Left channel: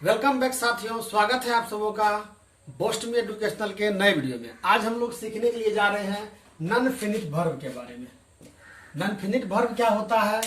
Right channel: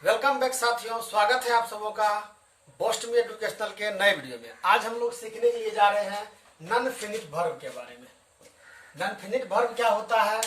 Welcome back साथियों, स्वागत है आप सबों का बोस्ट में एजुकेशनल के नए वीडियो में। आज हम लोग सीखने के लिए जा रहे हैं नॉन फिनिट वर्ब के बारे में। नॉन फिनिट वर्ब क्या होता है?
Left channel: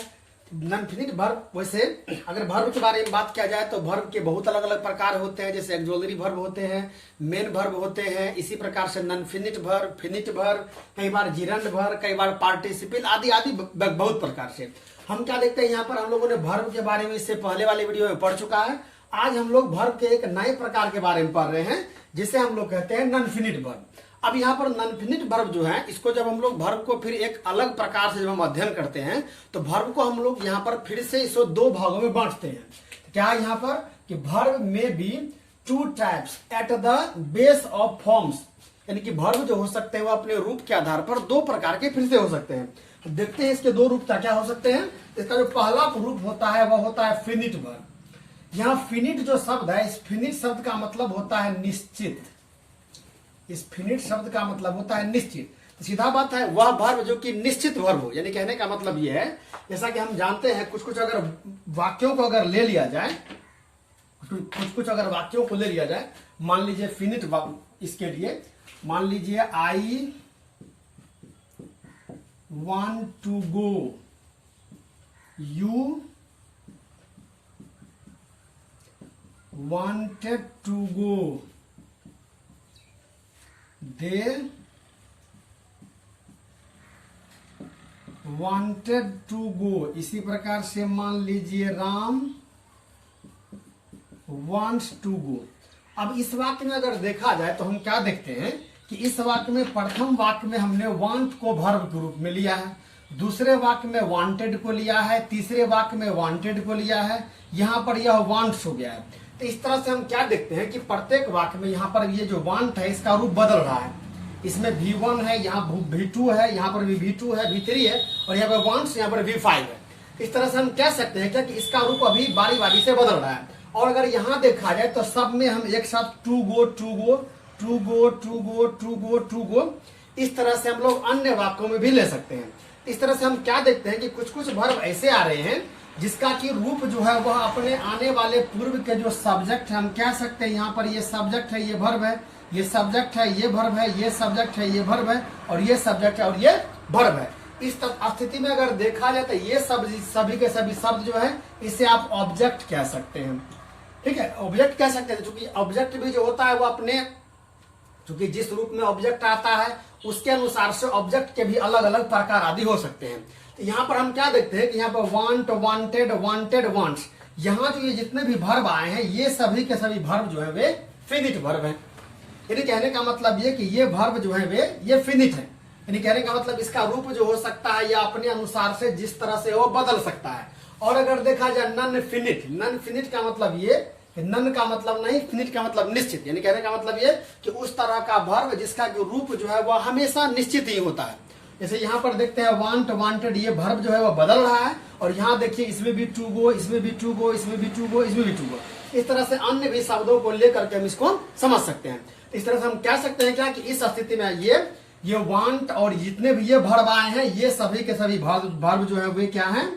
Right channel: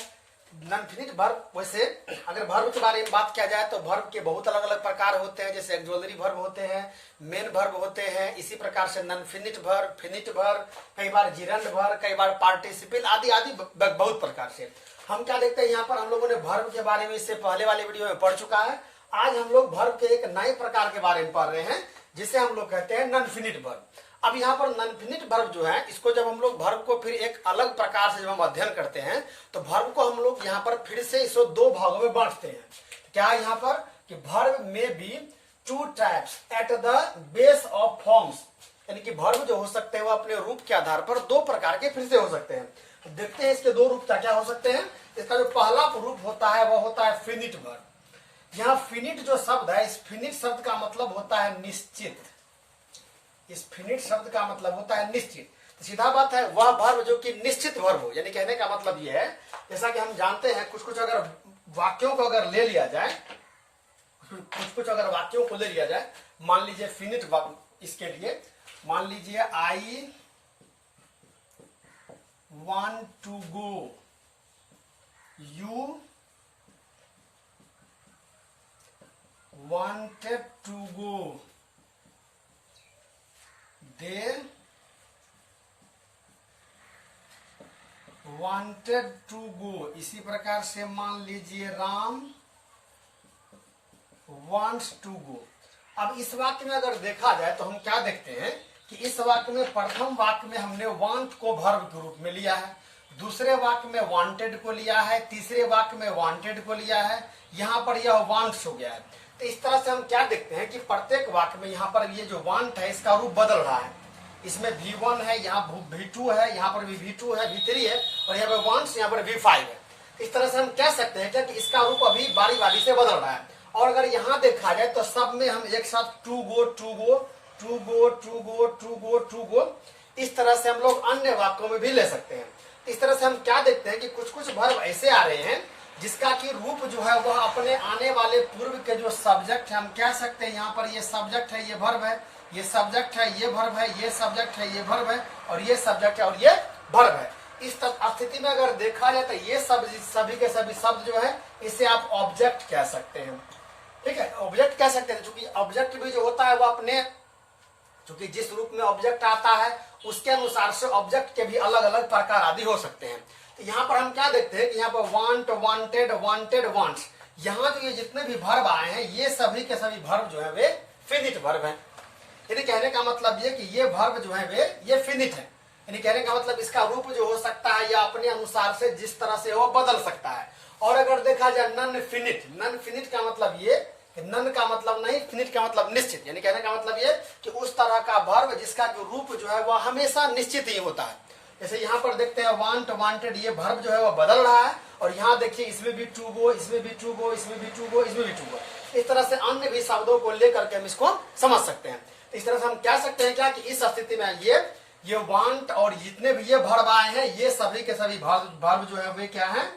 नॉन फिनिट वर्ब, वैसे अगर वर्ब के बारे में बात किया जाए तो वर्ब के बहुत अलग अलग प्रकार होते हैं। जैसे एक्सोलरी वर्ब होते हैं, मेन वर्ब होते हैं, इसी प्रकार से non finite verb, finite verb, कई बार जिरंड वर्ब, कई बार पार्टिसिपल आदि आदि बहुत प्रकार से। हम क्या देखते हैं यहाँ पर, हम लोगों ने वर्ब के बारे में इससे पहले वाले वीडियो में पढ़ चुका है। आज हम लोग वर्ब के एक नए प्रकार के बारे में पढ़ रहे हैं जिसे हम लोग कहते हैं नॉन फिनिट वर्ब। अब यहाँ पर नॉन फिनिट वर्ब जो है, इसको जब हम लोग वर्ब को फिर एक अलग प्रकार से जब हम अध्ययन करते हैं तो वर्ब को हम लोग यहाँ पर फिर से इसको दो भागों में बांटते हैं। क्या है यहाँ पर कि वर्ब में be two types at the base of forms, यानी कि वर्ब जो हो सकते हैं वो अपने रूप के आधार पर दो प्रकार के फिर से हो सकते हैं। देखते हैं इसके दो रूप क्या क्या हो सकते हैं। इसका जो पहला रूप होता है वह होता है फिनिट वर्ब। यहाँ फिनिट जो शब्द है, इस फिनिट शब्द का मतलब होता है निश्चित। इस फिनिट शब्द का मतलब होता है निश्चित। तो सीधा बात है, वह वर्ब जो कि निश्चित वर्ब हो। यानी कहने का मतलब यह है, जैसा कि हम जानते हैं कुछ कुछ अगर वाक्यों को अगर ले लिया जाए, कुछ कुछ अगर वाक्यों को ले लिया जाए, मान लीजिए फिनिट वर्ब, इसके लिए मान लीजिए I want to go, you wanted to go, they wanted to go। इसी प्रकार से मान लीजिए राम wants to go। अब इस वाक्य में अगर देखा जाए तो हम क्या देखते हैं कि इस वाक्य में प्रथम वाक्य में हमने want को वर्ब के रूप में लिया है, दूसरे वाक्य में wanted को लिया है, तीसरे वाक्य में wanted को लिया है, यहाँ पर यह wants हो गया है। तो इस तरह से हम क्या देखते हैं कि प्रत्येक वाक्य में यहाँ पर ये जो वांट है इसका रूप बदल रहा है। इसमें V1 है, यहाँ V2 है, यहाँ पर भी V2 है, V3 है, और यहाँ पर वांट्स, यहाँ पर V5 है। इस तरह से हम कह सकते हैं कि इसका रूप अभी बारी बारी से बदल रहा है। और अगर यहाँ देखा जाए तो सब में हम एक साथ to go to go to go to go to go to go, इस तरह से हम लोग अन्य वाक्यों में भी ले सकते हैं। इस तरह से हम क्या देखते हैं कि कुछ कुछ वर्ब ऐसे आ रहे हैं जिसका कि रूप जो है वह अपने आने वाले पूर्व के जो सब्जेक्ट है, हम कह सकते हैं यहाँ पर ये सब्जेक्ट है, ये वर्ब है, ये सब्जेक्ट है, ये वर्ब है, ये सब्जेक्ट है, ये वर्ब है, और ये सब्जेक्ट है और ये वर्ब है। इस स्थिति में अगर देखा जाए तो ये सभी के सभी शब्द जो है इसे आप ऑब्जेक्ट कह सकते हैं। ठीक है, ऑब्जेक्ट कह सकते हैं, क्योंकि ऑब्जेक्ट भी जो होता है वो अपने, क्योंकि जिस रूप में ऑब्जेक्ट आता है उसके अनुसार से ऑब्जेक्ट के भी अलग अलग प्रकार आदि हो सकते हैं। तो यहाँ पर हम क्या देखते हैं कि यहाँ पर वांट, वांटेड, वांटेड, वांट्स, यहाँ जो ये जितने भी वर्ब आए हैं ये सभी के सभी वर्ब जो है वे फिनिट वर्ब हैं। यानी कहने का मतलब ये कि ये वर्ब जो है वे ये फिनिट है। यानी कहने का मतलब इसका रूप जो हो सकता है या अपने अनुसार से जिस तरह से वो बदल सकता है। और अगर देखा जाए नॉन फिनिट, नॉन फिनिट का मतलब ये, नन का मतलब नहीं, फिनिट का मतलब निश्चित। यानी कहने का मतलब ये कि उस तरह का वर्ब जिसका जो रूप जो है वह हमेशा निश्चित ही होता है। जैसे यहाँ पर देखते हैं वांट, वांटेड, ये वर्ब जो है वो बदल रहा है, और यहाँ देखिए इसमें भी टू गो, इसमें भी टू गो, इसमें भी टू गो, इसमें भी टू गो। इस तरह से अन्य भी शब्दों को लेकर के हम इसको समझ सकते हैं। इस तरह से हम कह सकते हैं क्या कि इस स्थिति में ये वांट और जितने भी ये वर्ब आए हैं ये सभी के सभी वर्ब जो है वे क्या है,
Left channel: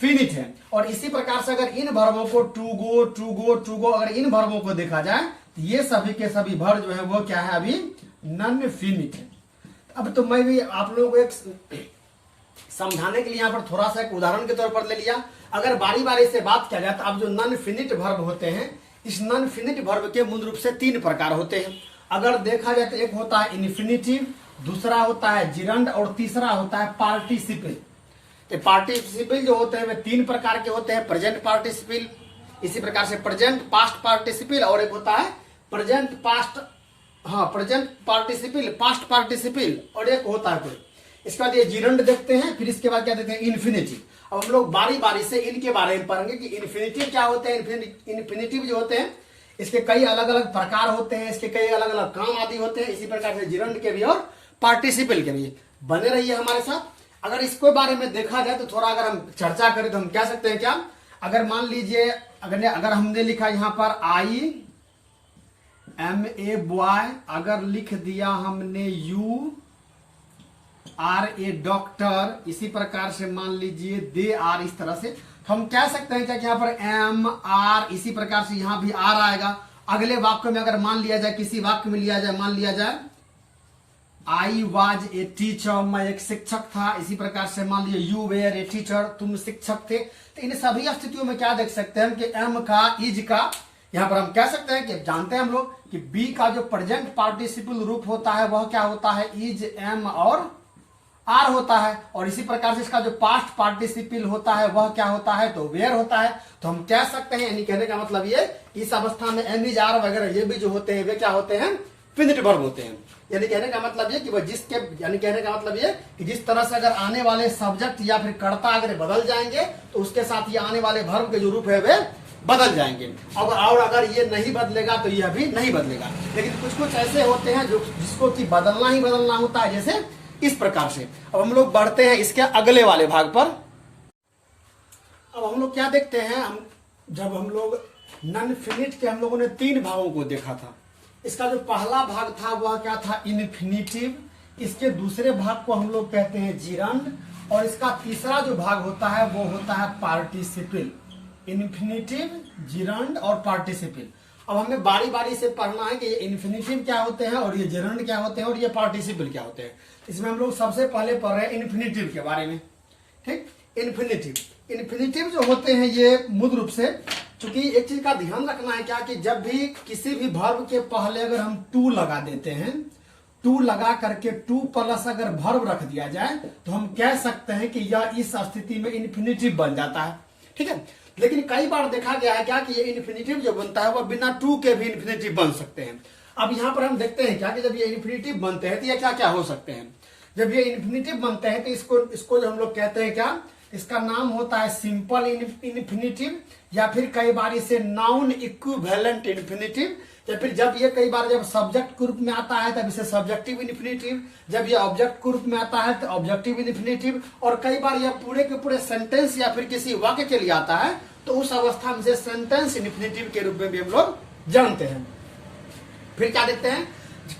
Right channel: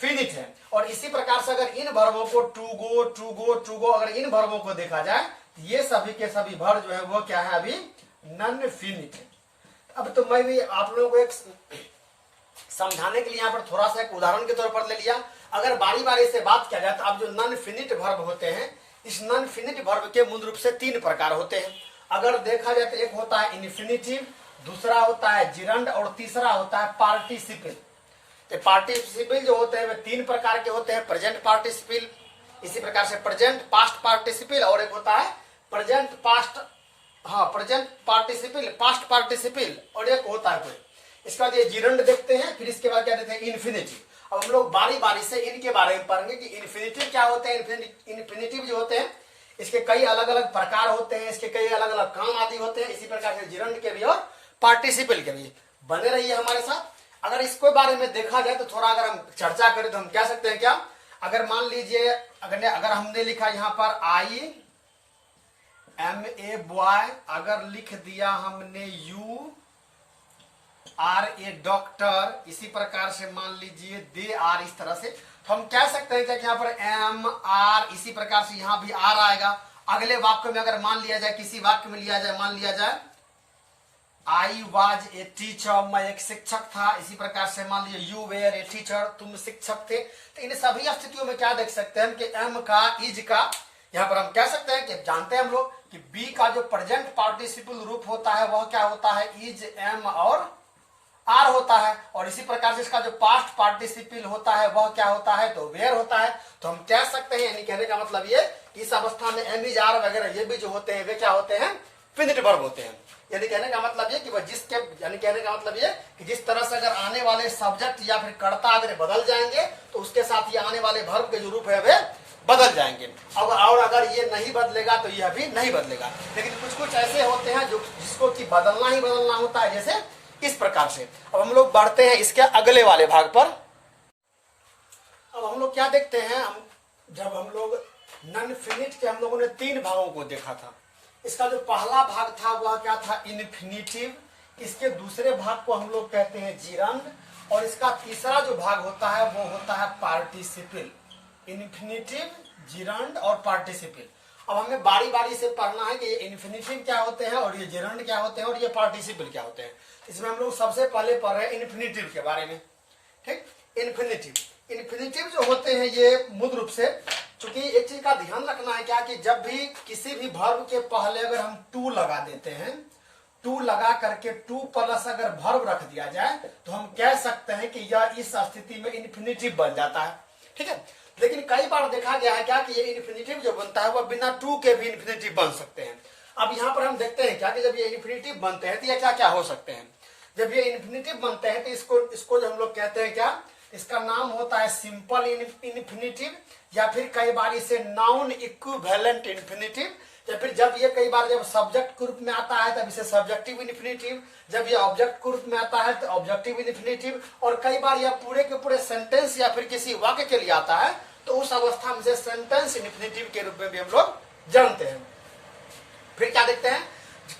फिनिट है। और इसी प्रकार से अगर इन वर्बों को to go to go to go, अगर इन वर्बों को देखा जाए तो ये सभी के सभी वर्ब जो है वो क्या है, अभी नॉन फिनिट है। अब तो मैं भी आप लोगों को एक समझाने के लिए यहाँ पर थोड़ा सा एक उदाहरण के तौर पर ले लिया। अगर बारी बारी से बात किया जाए तो अब जो नॉन फिनिट वर्ब होते हैं, इस नॉन फिनिट वर्ब के मूल रूप से तीन प्रकार होते हैं। अगर देखा जाए तो एक होता है इन्फिनिटिव, दूसरा होता है जिरंड, और तीसरा होता है पार्टिसिपल। पार्टिसिपल जो होते हैं वे तीन प्रकार के होते हैं, प्रेजेंट पार्टिसिपल, इसी प्रकार से प्रेजेंट पास्ट पार्टिसिपल, और एक होता है present past, present participle, past participle, और एक होता है कोई। इसके बाद ये जिरंड देखते हैं, फिर इसके बाद क्या देखते हैं इन्फिनिटिव। अब हम लोग बारी बारी से इनके बारे में पढ़ेंगे कि इन्फिनिटिव क्या होते हैं। इन्फिनिटिव जो होते हैं इसके कई अलग अलग प्रकार होते हैं, इसके कई अलग अलग काम आदि होते हैं। इसी प्रकार से जिरंड के भी और पार्टिसिपल के भी। बने रहिए हमारे साथ। अगर इसके बारे में देखा जाए तो थोड़ा अगर हम चर्चा करें तो हम कह सकते हैं क्या, अगर मान लीजिए अगर हमने लिखा यहाँ पर आई एम ए बॉय, अगर लिख दिया हमने यू आर ए डॉक्टर, इसी प्रकार से मान लीजिए दे आर, इस तरह से हम कह सकते हैं क्या कि यहाँ पर एम आर, इसी प्रकार से यहाँ भी आर आएगा। अगले वाक्य में अगर मान लिया जाए, किसी वाक्य में लिया जाए, मान लिया जाए आई वॉज ए टीचर, मैं एक शिक्षक था। इसी प्रकार से मान लिया यू वेयर ए टीचर, तुम शिक्षक थे। तो इन सभी स्थितियों में क्या देख सकते हैं कि एम का, इज का, यहाँ पर हम कह सकते हैं कि जानते हैं हम लोग कि बी का जो प्रेजेंट पार्टिसिपल रूप होता है वह क्या होता है, इज, एम और आर होता है। और इसी प्रकार से इसका जो पास्ट पार्टिसिपल होता है वह क्या होता है, तो वेयर होता है। तो हम कह सकते हैं, यानी कहने का मतलब ये, इस अवस्था में एम, इज, आर वगैरह ये भी जो होते हैं वे क्या होते हैं, फिनिट वर्ब होते हैं। यानी कहने का मतलब ये कि वह जिसके, यानी कहने का मतलब ये कि जिस तरह से अगर आने वाले सब्जेक्ट या फिर कर्ता अगर बदल जाएंगे तो उसके साथ ये आने वाले वर्ब के जो रूप है वे बदल जाएंगे। और अगर ये नहीं बदलेगा तो यह भी नहीं बदलेगा। लेकिन कुछ कुछ ऐसे होते हैं जो जिसको कि बदलना ही बदलना होता है, जैसे इस प्रकार से। अब हम लोग बढ़ते हैं इसके अगले वाले भाग पर। अब हम लोग क्या देखते हैं, जब हम लोग नॉन फिनिट के हम लोगों ने 3 भागों को देखा था। इसका जो पहला भाग था वह क्या था, इन्फिनिटिव। इसके दूसरे भाग को हम लोग कहते हैं जिरंड, और इसका तीसरा जो भाग होता है वो होता है पार्टिसिपल। इन्फिनिटिव, जिरंड और पार्टिसिपल। अब हमें बारी बारी से पढ़ना है कि ये इन्फिनिटिव क्या होते हैं और ये जिरंड क्या होते हैं और ये पार्टिसिपल क्या होते हैं। इसमें हम लोग सबसे पहले पढ़ रहे हैं इन्फिनिटिव के बारे में। ठीक, इन्फिनिटिव जो होते हैं ये मूल रूप से, चूंकि एक चीज का ध्यान रखना है क्या कि जब भी किसी भी वर्ब के पहले अगर हम टू लगा देते हैं, टू लगा करके टू प्लस अगर वर्ब रख दिया जाए तो हम कह सकते हैं कि यह इस स्थिति में इन्फिनिटिव बन जाता है। ठीक है, लेकिन कई बार देखा गया है क्या कि ये इन्फिनिटिव जो बनता है वह बिना टू के भी इन्फिनिटिव बन सकते हैं। अब यहाँ पर हम देखते हैं क्या कि जब ये इन्फिनिटिव बनते हैं तो ये क्या क्या हो सकते हैं। जब ये इन्फिनिटिव बनते हैं तो इसको जो हम लोग कहते हैं क्या, इसका नाम होता है सिंपल इन्फिनिटिव, या फिर कई बार इसे नाउन इक्विवेलेंट इन्फिनिटिव, या फिर जब ये कई बार जब सब्जेक्ट के रूप में आता है तब इसे सब्जेक्टिव इन्फिनिटिव, जब ये ऑब्जेक्ट के रूप में आता है तो ऑब्जेक्टिव इन्फिनिटिव, और कई बार यह पूरे के पूरे सेंटेंस या फिर किसी वाक्य के लिए आता है तो उस अवस्था में से सेंटेंस इन्फिनिटिव के रूप में भी हम लोग जानते हैं। फिर क्या देखते हैं,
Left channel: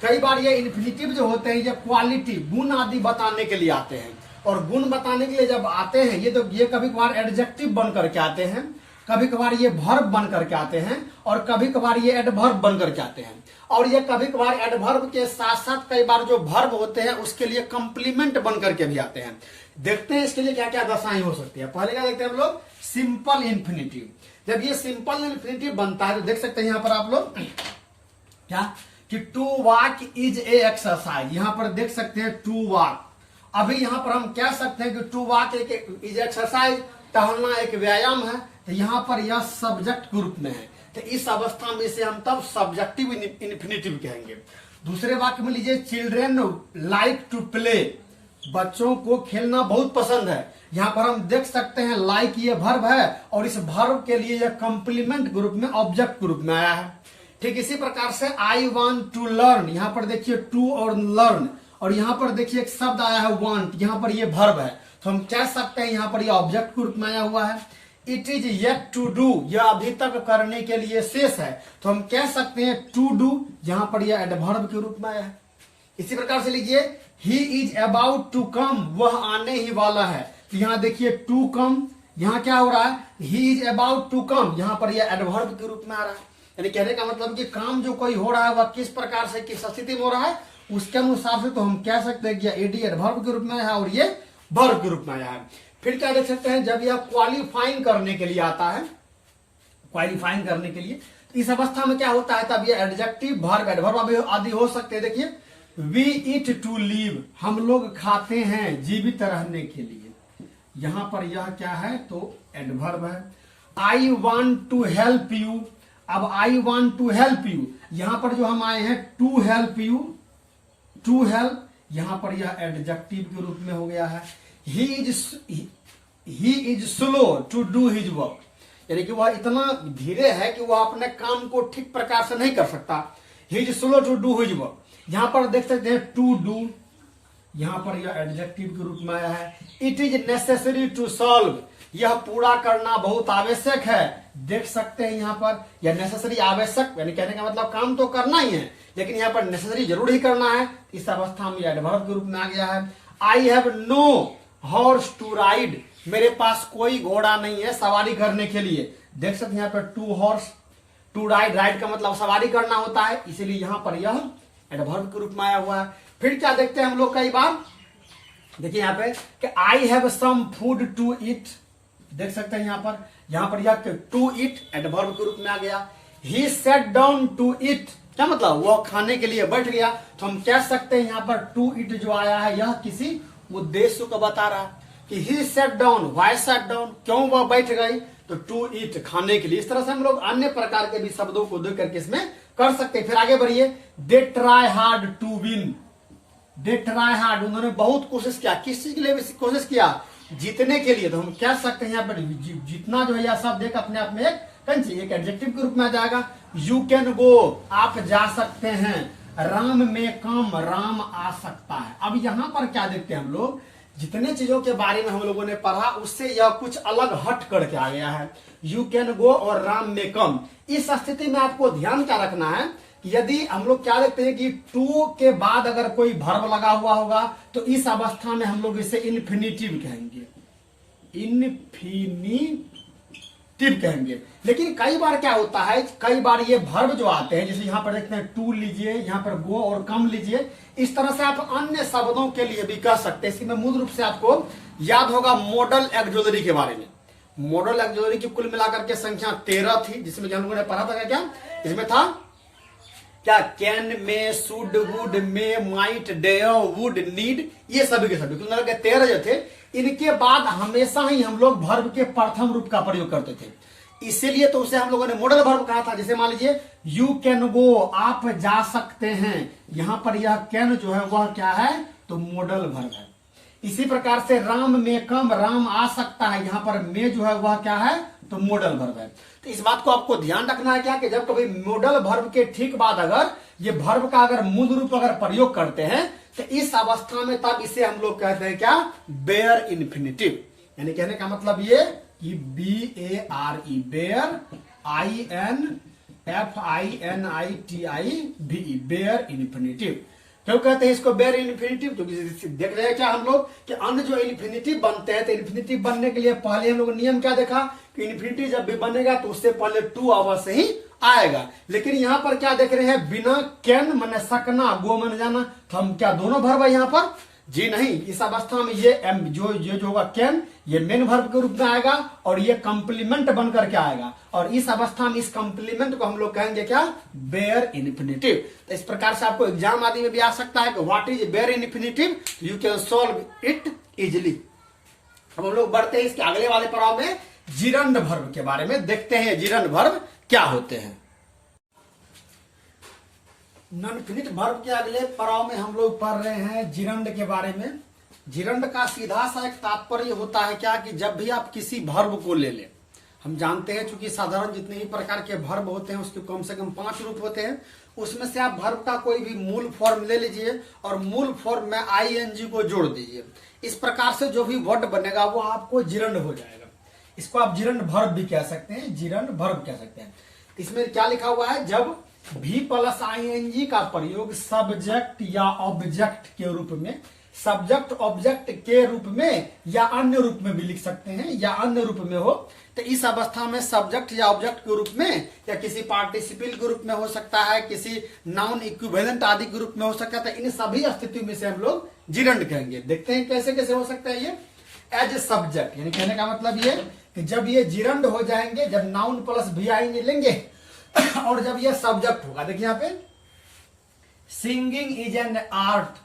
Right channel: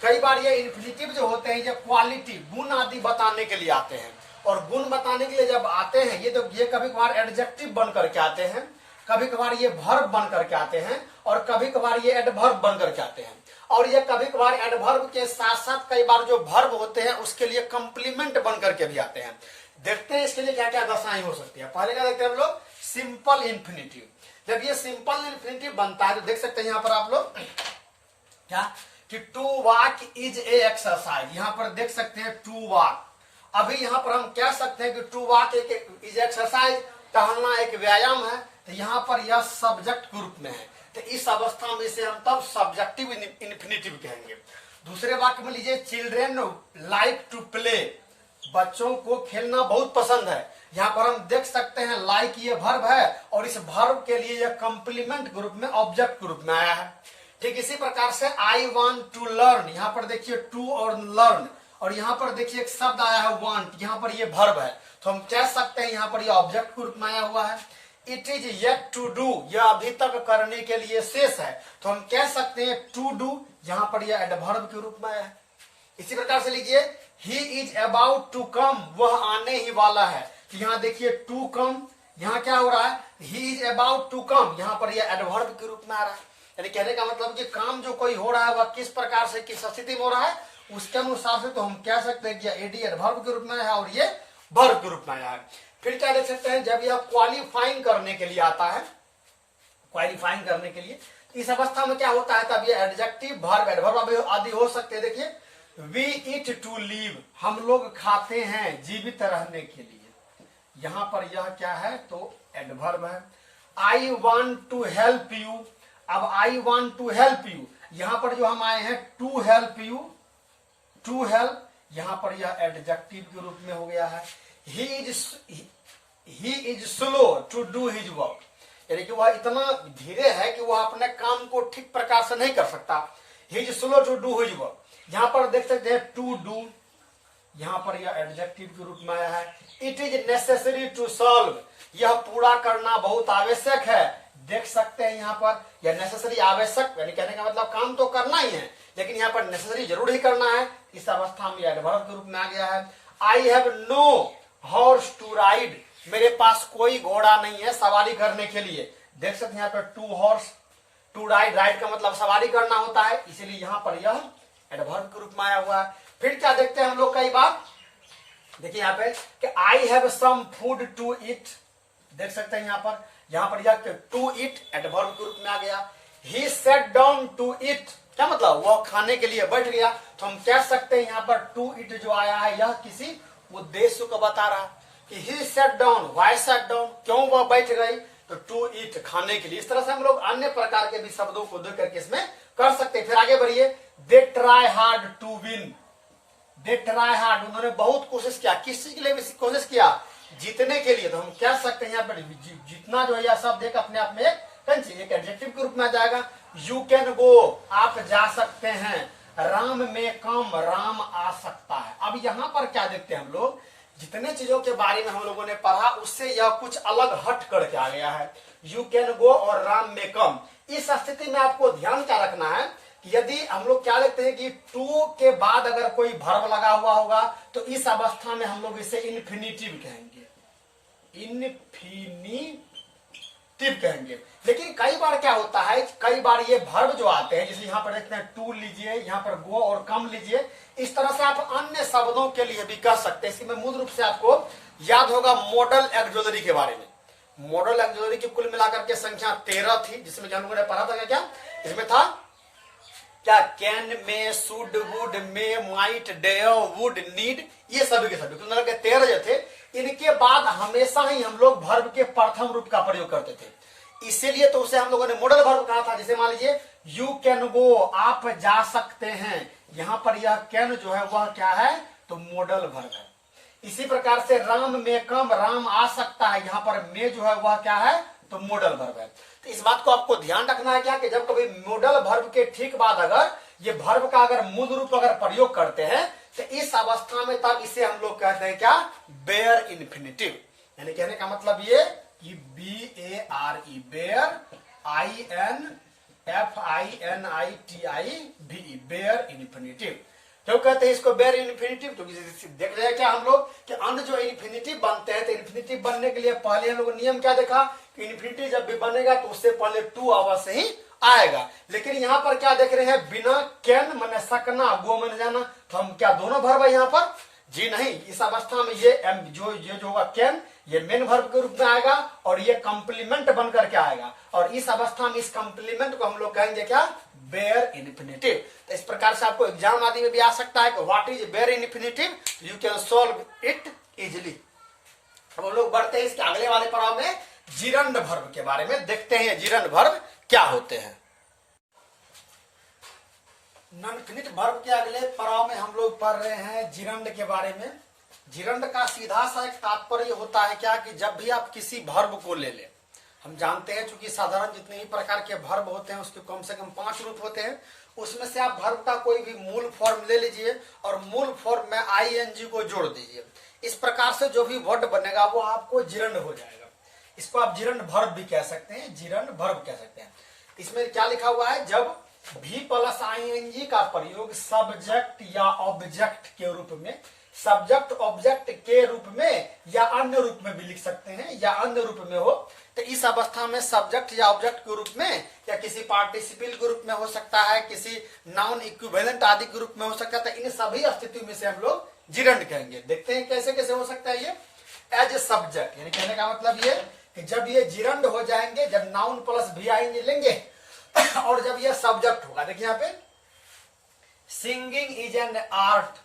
कई बार ये इन्फिनिटिव जो होते हैं ये क्वालिटी, गुण आदि बताने के लिए आते हैं। और गुण बताने के लिए जब आते हैं ये कभी कभार एडजेक्टिव बन करके आते हैं, कभी कभार ये वर्ब बन करके आते हैं, और कभी कभार ये एडवर्ब बन करके आते हैं। और ये कभी कभार एडवर्ब के साथ साथ कई बार जो वर्ब होते हैं उसके लिए कंप्लीमेंट बन करके भी आते हैं। देखते हैं इसके लिए क्या क्या दशाएं हो सकती है। पहले क्या देखते हैं हम लोग, सिंपल इन्फिनिटिव। जब ये सिंपल इन्फिनिटिव बनता है तो देख सकते हैं यहाँ पर आप लोग क्या कि to walk is a exercise. यहाँ पर देख सकते हैं टू वॉक। अभी यहाँ पर हम कह सकते हैं कि टू वॉक एक इज एक्सरसाइज, टहलना एक व्यायाम है। तो यहाँ पर यह सब्जेक्ट के रूप में है, तो इस अवस्था में इसे हम तब सब्जेक्टिव इन्फिनिटिव कहेंगे। दूसरे वाक्य में लीजिए, चिल्ड्रेन लाइक टू प्ले, बच्चों को खेलना बहुत पसंद है। यहाँ पर हम देख सकते हैं लाइक ये वर्ब है और इस वर्ब के लिए यह कंप्लीमेंट ग्रुप में ऑब्जेक्ट ग्रुप में आया है। ठीक इसी प्रकार से आई वांट टू लर्न, यहाँ पर देखिए टू और लर्न, और यहाँ पर देखिए एक शब्द आया है वांट, यहाँ पर ये वर्ब है। तो हम कह सकते हैं यहाँ पर यह ऑब्जेक्ट ग्रुप में आया हुआ है। It is yet to do, यह अभी तक करने के लिए शेष है। तो हम कह सकते हैं टू डू, यहाँ पर यह एडवर्ब के रूप में आया है। इसी प्रकार से लिखिए, he is about to come, वह आने ही वाला है। तो यहाँ देखिए टू कम, यहाँ क्या हो रहा है, he is about to come, यहाँ पर यह एडवर्ब के रूप में आ रहा है। यानी कहने का मतलब कि काम जो कोई हो रहा है वह किस प्रकार से किस स्थिति में हो रहा है उसके अनुसार से तो हम कह सकते हैं कि एडी एडवर्ब के रूप में है और ये वर्ब के रूप में आया है। फिर क्या देख सकते हैं, जब यह क्वालिफाइंग करने के लिए आता है, क्वालिफाइंग करने के लिए, तो इस अवस्था में क्या होता है, तब ये एडजेक्टिव वर्ब एडवर्ब आदि हो सकते हैं। देखिए, वी ईट टू लिव, हम लोग खाते हैं जीवित रहने के लिए, यहां पर यह क्या है तो एडवर्ब है। I want to help you, अब I want to help you, यहां पर जो हम आए हैं to help you, to help, यहां पर यह एडजेक्टिव के रूप में हो गया है। He is slow to do his work, यानी कि वह इतना धीरे है कि वह अपने काम को ठीक प्रकार से नहीं कर सकता। He is slow to do his work, यहां पर देख सकते हैं टू डू, यहां पर यह एडजेक्टिव के रूप में आया है। It is necessary to solve, यह पूरा करना बहुत आवश्यक है। देख सकते हैं यहाँ पर यह नेसेसरी आवश्यक, यानी कहने का मतलब काम तो करना ही है लेकिन यहाँ पर नेसेसरी जरूर ही करना है। इस अवस्था में एडवर्ब के रूप में आ गया है। I have no horse to ride, मेरे पास कोई घोड़ा नहीं है सवारी करने के लिए। देख सकते हैं यहाँ पर to horse, to ride, ride का मतलब सवारी करना होता है, इसीलिए यहां पर यह एडवर्ब के रूप में आया हुआ है। फिर क्या देखते हैं हम लोग कई बार, देखिए यहाँ पे कि I have some food to eat, देख सकते हैं यहाँ पर यह टू ईट एडवर्ब के रूप में आ गया। ही सेट डाउन टू ईट, क्या मतलब वह खाने के लिए बैठ गया, तो हम कह सकते हैं यहाँ पर टू ईट जो आया है यह किसी उद्देश्य को बता रहा है कि he set down, why set down, क्यों वह बैठ गई, तो टू ईट खाने के लिए। इस तरह से हम लोग अन्य प्रकार के भी शब्दों को दे करके इसमें कर सकते हैं। फिर आगे बढ़िए, they try hard to win, they try hard, उन्होंने बहुत कोशिश किया, किस चीज के लिए कोशिश किया, जीतने के लिए। तो हम कह सकते हैं यहाँ पर जीतना जो है यह शब्द एक अपने आप में एक एडजेक्टिव के रूप में आ जाएगा। यू कैन गो, आप जा सकते हैं। राम में कम, राम आ सकता है। अब यहाँ पर क्या देखते हैं हम लोग, जितने चीजों के बारे में हम लोगों ने पढ़ा उससे यह कुछ अलग हट करके आ गया है। यू कैन गो और राम में कम। इस स्थिति में आपको ध्यान क्या रखना है, यदि हम लोग क्या देखते हैं कि टू के बाद अगर कोई वर्ब लगा हुआ होगा तो इस अवस्था में हम लोग इसे इन्फिनिटिव कहेंगे, इन्फिनिटिव कहेंगे। लेकिन कई बार क्या होता है, कई बार ये वर्ब जो आते हैं, जैसे यहां पर देखते हैं टू लीजिए, यहां पर गो और कम लीजिए, इस तरह से आप अन्य शब्दों के लिए भी कह सकते हैं। इसमें मूल रूप से आपको याद होगा मॉडल एक्सोलरी के बारे में। मॉडल एक्सोलरी की कुल मिलाकर के संख्या 13 थी, जिसमें हम लोगों ने पढ़ा था क्या, इसमें था क्या, can, may, should, would, may, might, dare, would, need, ये सभी के सभी कुल मिलाकर 13 जो थे। इनके बाद हमेशा ही हम लोग वर्ब के प्रथम रूप का प्रयोग करते थे, इसीलिए तो उसे हम लोगों ने मॉडल वर्ब कहा था। जैसे मान लीजिए यू कैन गो, आप जा सकते हैं, यहां पर यह कैन जो है वह क्या है, तो मॉडल वर्ब है। इसी प्रकार से राम में कम, राम आ सकता है, यहां पर में जो है वह क्या है, तो मॉडल वर्ब है। तो इस बात को आपको ध्यान रखना है क्या, कि जब कभी मॉडल वर्ब के ठीक बाद अगर ये वर्ब का अगर मूल रूप अगर प्रयोग करते हैं तो इस अवस्था में तब इसे हम लोग कहते हैं क्या, बेयर इन्फिनिटिव। यानी कहने का मतलब ये कि BARE, bare, INFINITIVE, bare infinitive. क्यों कहते हैं इसको बेयर इन्फिनिटिव, तो देख रहे हैं क्या हम लोग कि अन्य जो इन्फिनिटिव बनते हैं, तो इन्फिनिटिव बनने के लिए पहले हम लोग नियम क्या देखा कि इन्फिनिटिव जब भी बनेगा तो उससे पहले टू अवश्य ही आएगा। लेकिन यहाँ पर क्या देख रहे हैं, बिना कैन माने सकना, गो माने जाना, तो हम क्या दोनों वर्ब है यहाँ पर, जी नहीं। इस अवस्था में ये जो होगा कैन, ये मेन वर्ब के रूप में आएगा और ये कंप्लीमेंट बनकर के आएगा, और इस अवस्था में इस कंप्लीमेंट को हम लोग कहेंगे क्या, बेयर इन्फिनिटिव। तो इस प्रकार से आपको एग्जाम आदि में भी आ सकता है कि what is bare infinitive, you can solve it easily. अब हम लोग बढ़ते हैं इसके अगले वाले पड़ाव में, जिरंड वर्ब के बारे में देखते हैं, जिरंड वर्ब क्या होते हैं। नॉनफिनिट वर्ब के अगले पड़ाव में हम लोग पढ़ रहे हैं जिरंड के बारे में। जिरंड का सीधा सा एक तात्पर्य होता है क्या, कि जब भी आप किसी वर्ब को ले लें, हम जानते हैं चूंकि साधारण जितने ही प्रकार के वर्ब होते हैं उसके कम से कम 5 रूप होते हैं, उसमें से आप वर्ब का कोई भी मूल फॉर्म ले लीजिए और मूल फॉर्म में ING को जोड़ दीजिए। इस प्रकार से जो भी वर्ड बनेगा वो आपको जिरंड हो जाएगा। इसको आप जिरंड वर्ब भी कह सकते हैं, जिरंड वर्ब कह सकते हैं। इसमें क्या लिखा हुआ है, जब भी प्लस ING का प्रयोग सब्जेक्ट या ऑब्जेक्ट के रूप में, सब्जेक्ट ऑब्जेक्ट के रूप में या अन्य रूप में भी लिख सकते हैं, या अन्य रूप में हो तो इस अवस्था में सब्जेक्ट या ऑब्जेक्ट के रूप में या किसी पार्टिसिपल के रूप में हो सकता है, किसी नाउन इक्विवेलेंट आदि के रूप में हो सकता है। इन सभी स्थिति में से हम लोग जिरंड कहेंगे। देखते हैं कैसे कैसे हो सकता है ये। एज ए सब्जेक्ट, यानी कहने का मतलब ये कि जब ये जिरंड हो जाएंगे, जब नाउन प्लस VING लेंगे और जब ये सब्जेक्ट होगा। देखिए यहाँ पे सिंगिंग इज एन आर्ट,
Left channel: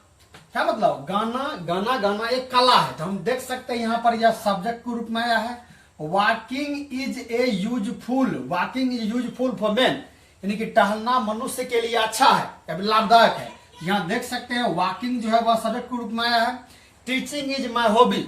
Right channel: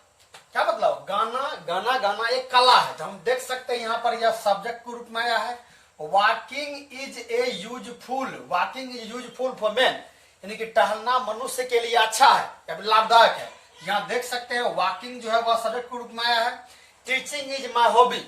क्या मतलब, गाना एक कला है, तो हम देख सकते हैं यहाँ पर यह सब्जेक्ट के रूप में आया है। Walking is a useful, walking is useful for man, यानी कि टहलना मनुष्य के लिए अच्छा है या लाभदायक है। यहाँ देख सकते हैं वॉकिंग जो है वह सब्जेक्ट के रूप में आया है। टीचिंग इज माई हॉबी,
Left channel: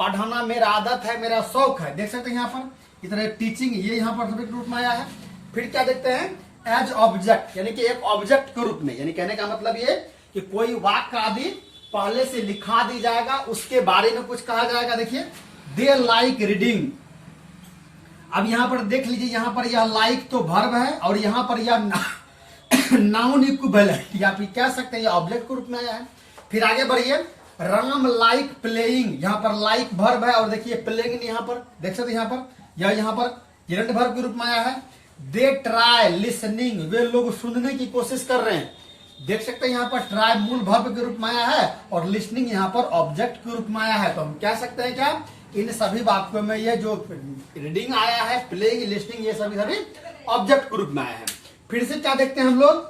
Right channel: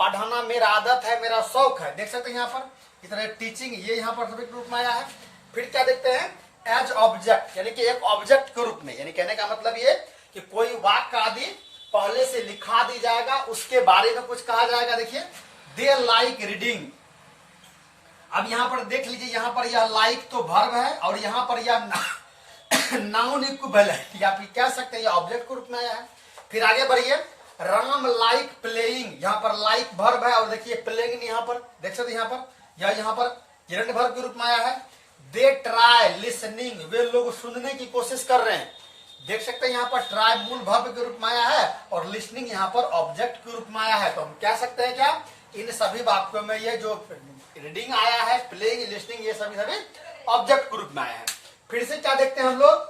पढ़ाना मेरा आदत है, मेरा शौक है। देख सकते हैं यहाँ पर इधर टीचिंग, ये यहाँ पर सब्जेक्ट के रूप में आया है। फिर क्या देखते हैं, एज ऑब्जेक्ट, यानी कि एक ऑब्जेक्ट के रूप में, यानी कहने का मतलब ये कि कोई वाक्य आदि पहले से लिखा दी जाएगा, उसके बारे में कुछ कहा जाएगा। देखिए दे लाइक रीडिंग, अब यहां पर देख लीजिए, यहां पर यह लाइक तो वर्ब है और यहां पर यह नाउन इक्विवेलेंट, या फिर कह सकते हैं ऑब्जेक्ट के रूप में आया है। फिर आगे बढ़िए, राम लाइक प्लेइंग, यहाँ पर लाइक वर्ब है और देखिए प्लेइंग यहाँ पर देख सकते यहाँ पर, या यहाँ पर gerund वर्ब के रूप में आया है। दे ट्राई लिसनिंग, वे लोग सुनने की कोशिश कर रहे हैं। देख सकते हैं यहाँ पर ट्राई मूल वर्ब के रूप में आया है और लिसनिंग यहाँ पर ऑब्जेक्ट के रूप में आया है। तो हम कह सकते हैं क्या, इन सभी वाक्यों में ये जो रीडिंग आया है, प्लेइंग, लिसनिंग, ये सभी ऑब्जेक्ट के रूप में आया है। फिर से क्या देखते हैं हम लोग,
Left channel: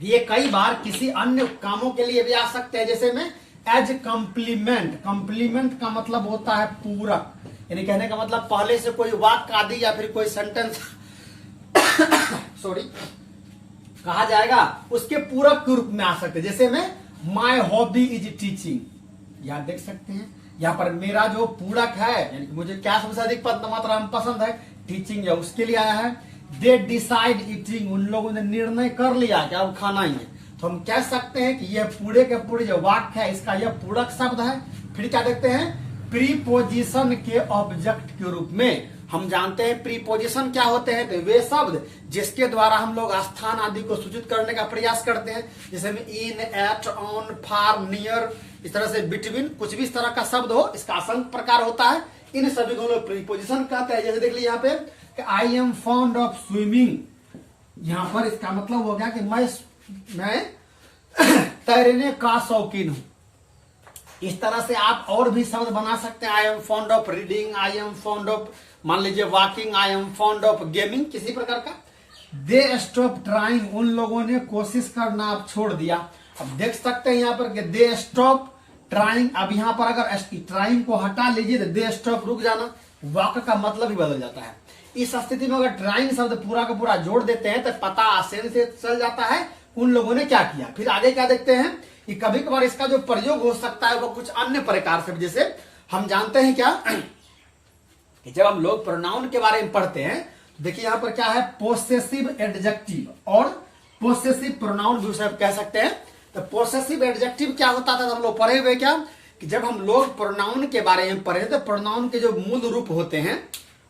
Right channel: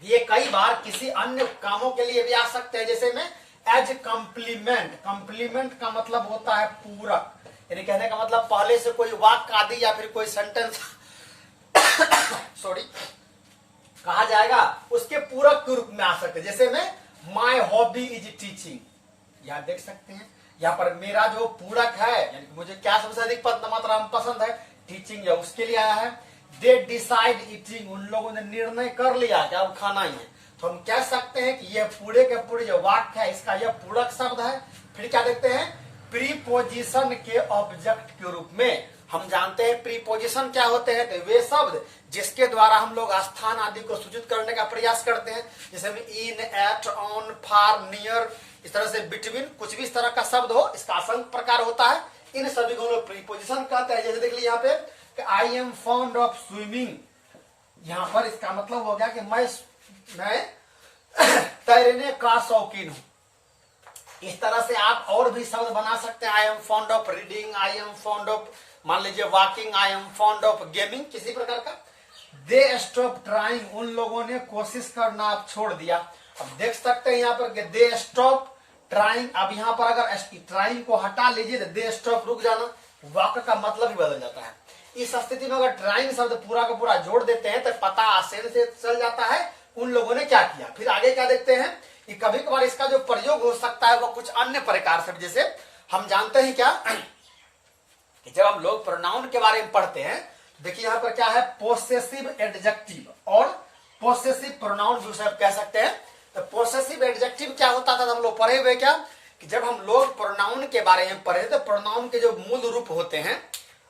ये कई बार किसी अन्य कामों के लिए भी आ सकते हैं, जैसे में एज कॉम्प्लीमेंट। कॉम्प्लीमेंट का मतलब होता है पूरक, यानी कहने का मतलब पहले से कोई वाक्य आदि या फिर कोई सेंटेंस सॉरी कहा जाएगा, उसके पूरक के रूप में आ सकते हैं। जैसे में माई हॉबी इज टीचिंग, यहां देख सकते हैं यहाँ पर मेरा जो पूरक है, यानी कि मुझे क्या सबसे अधिक मात्रा में पसंद है, टीचिंग, या उसके लिए आया है। दे डिसाइड ईटिंग, उन लोगों ने निर्णय कर लिया कि अब खाना ही है। तो हम कह सकते हैं कि यह पूरे के पूरे जो वाक्य है इसका यह पूरक शब्द है। फिर क्या देखते हैं, प्रीपोजिशन के ऑब्जेक्ट के रूप में। हम जानते हैं प्रीपोजिशन क्या होते हैं, तो वे शब्द जिसके द्वारा हम लोग स्थान आदि को सूचित करने का प्रयास करते हैं, जैसे में इन, एट, ऑन, फार, नियर, इस तरह से बिटवीन, कुछ भी इस तरह का शब्द हो, इसका असंख्य प्रकार होता है, इन सभी को हम लोग प्रीपोजिशन कहते हैं। जैसे देख लीजिए यहाँ पे I am fond of swimming, यहाँ पर इसका मतलब हो गया कि मैं तैरने का शौकीन हूं। इस तरह से आप और भी शब्द बना सकते हैं, I am fond of reading, I am fond of मान लीजिए walking, I am fond of gaming, किसी प्रकार का। दे स्टॉप ट्राइंग, उन लोगों ने कोशिश करना अब छोड़ दिया। अब देख सकते हैं यहाँ पर दे स्टॉप ट्राइंग, अब यहाँ पर अगर ट्राइंग को हटा लीजिए तो दे स्टॉप रुक जाना, वाक्य का मतलब ही बदल जाता है। इस स्थिति में अगर ट्राइंग शब्द पूरा का पूरा जोड़ देते हैं तो पता आसानी से चल जाता है उन लोगों ने क्या किया। फिर आगे क्या देखते हैं कि कभी कभार इसका जो प्रयोग हो सकता है वो कुछ अन्य प्रकार से, जैसे हम जानते हैं क्या कि जब हम लोग प्रोनाउन के बारे में पढ़ते हैं, देखिए यहाँ पर क्या है, पोसेसिव एडजेक्टिव और पोसेसिव प्रोनाउन भी उसे कह सकते हैं। तो पोसेसिव एडजेक्टिव क्या होता था, हम लोग पढ़े हुए क्या कि जब हम लोग प्रोनाउन के बारे में पढ़े तो प्रोनाउन के जो मूल रूप होते हैं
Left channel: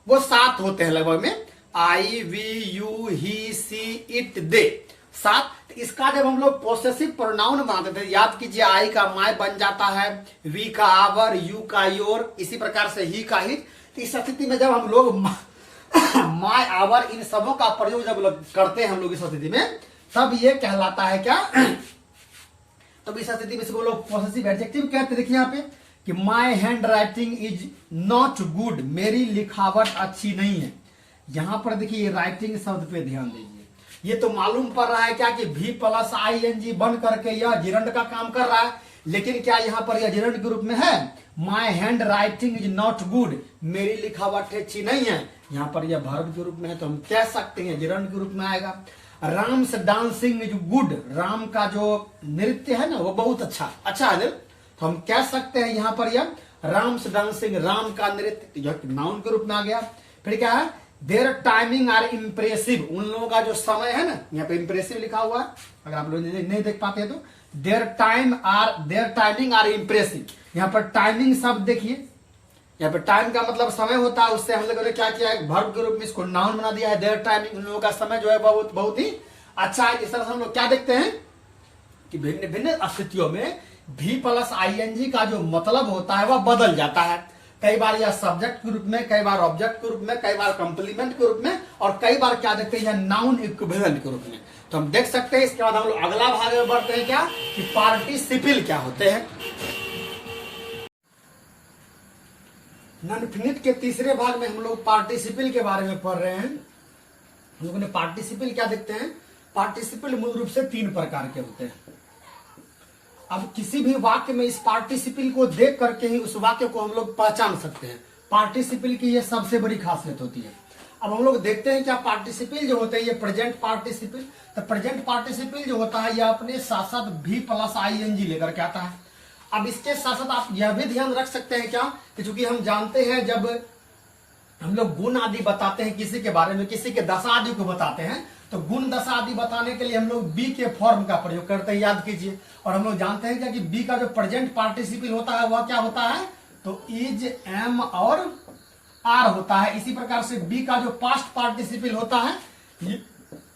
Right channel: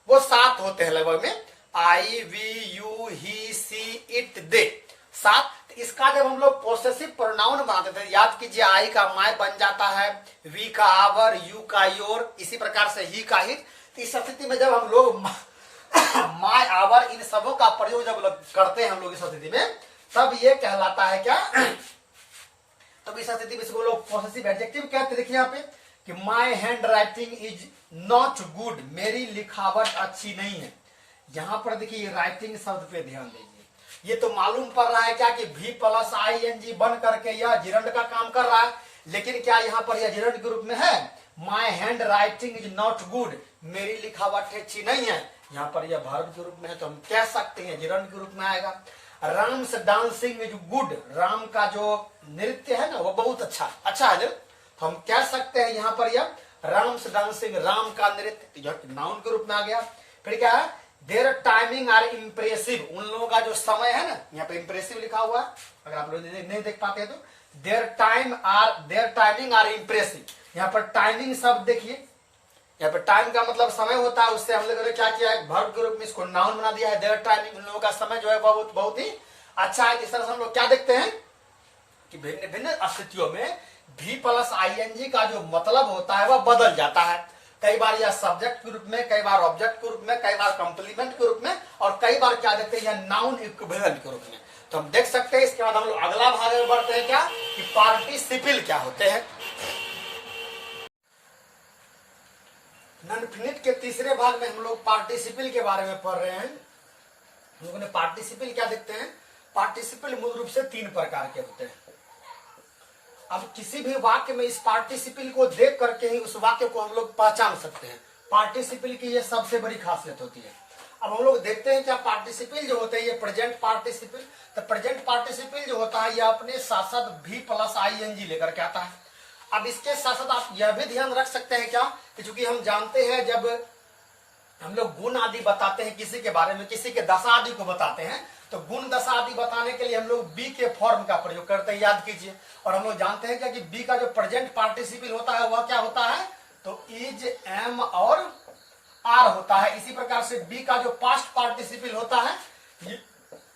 वो 7 होते हैं लगभग में, I, we, you, he, she, it, they, 7। इसका जब हम लोग पोसेसिव प्रोनाउन बनाते थे, याद कीजिए आई का माय बन जाता है, वी का आवर, यू का योर, इसी प्रकार से ही का हिट। इस स्थिति में जब हम लोग माय, आवर, इन सबों का प्रयोग जब करते हैं हम लोग इस स्थिति में, तब ये कहलाता है क्या तब इस स्थिति में इसको लोग पोसेसिव एडजेक्टिव कहते हैं। देखिए यहाँ पे कि my hand writing is not good, मेरी लिखावट अच्छी नहीं है। यहां पर देखिए राइटिंग शब्द पे ध्यान दीजिए, ये तो मालूम पड़ रहा है क्या कि भी प्लस ING बन करके यह जिरंड का काम कर रहा है, लेकिन क्या यहाँ पर यह जिरंड के रूप में है। My hand writing is not good, मेरी लिखावट अच्छी नहीं है, यहाँ पर यह वर्ब के रूप में है, तो हम कह सकते हैं जिरंड के रूप में आएगा। Ram's dancing is good, Ram का जो नृत्य है ना वो बहुत अच्छा है, तो हम कह सकते हैं यहाँ पर यह राम्स डांसिंग, राम का नृत्य, नाउन के रूप में आ गया। फिर क्या है, देयर टाइमिंग आर इम्प्रेसिव, उन लोगों का जो समय है ना, यहाँ पे इम्प्रेसिव लिखा हुआ है, अगर आप लोग नहीं देख पाते हैं तो देयर टाइमिंग आर इम्प्रेसिव। यहाँ पर टाइमिंग शब्द देखिए, यहाँ पे टाइम का मतलब समय होता है, उससे हम लोगों ने क्या किया है, वर्ब के रूप में इसको नाउन बना दिया है। देयर टाइमिंग, उन लोगों का समय जो है बहुत ही अच्छा है। इस तरह से हम लोग क्या देखते हैं कि भिन्न भिन्न स्थितियों में भी प्लस ING का जो मतलब होता है वह बदल जाता है। कई बार यह सब्जेक्ट के रूप में, कई बार ऑब्जेक्ट के रूप में, कई बार कॉम्प्लीमेंट के रूप में, और कई बार क्या देखते हैं यह नाउन इक्विवेलेंट के रूप में। तो हम देख सकते हैं। इसके बाद हम लोग अगला भाग में बढ़ते हैं क्या कि पार्टिसिपल क्या होते हैं। नॉन-फिनिट के तीसरे भाग में हम लोग पार्टिसिपल के बारे में पढ़ रहे हैं। हम लोगों ने पार्टिसिपल क्या देखते हैं, पार्टिसिपल मूल रूप से 3 प्रकार के होते हैं। अब किसी भी वाक्य में इस पार्टिसिपल को देख करके ही उस वाक्य को हम लोग पहचान सकते हैं। पार्टिसिपल की यह सबसे बड़ी खासियत होती है। अब हम लोग देखते हैं क्या पार्टिसिपल जो होते हैं ये प्रेजेंट पार्टिसिपल, तो प्रेजेंट पार्टिसिपल जो होता है यह अपने साथ साथ भी प्लस ING लेकर के आता है। अब इसके साथ साथ आप यह भी ध्यान रख सकते हैं क्या कि चूंकि हम जानते हैं जब हम लोग गुण आदि बताते हैं किसी के बारे में, किसी के दशा आदि को बताते हैं, तो गुण दशा आदि बताने के लिए हम लोग बी के फॉर्म का प्रयोग करते हैं, याद कीजिए। और हम लोग जानते हैं क्या कि बी का जो प्रेजेंट पार्टिसिपल होता है वह क्या होता है, तो इज, एम और आर होता है। इसी प्रकार से बी का जो पास्ट पार्टिसिपल होता है,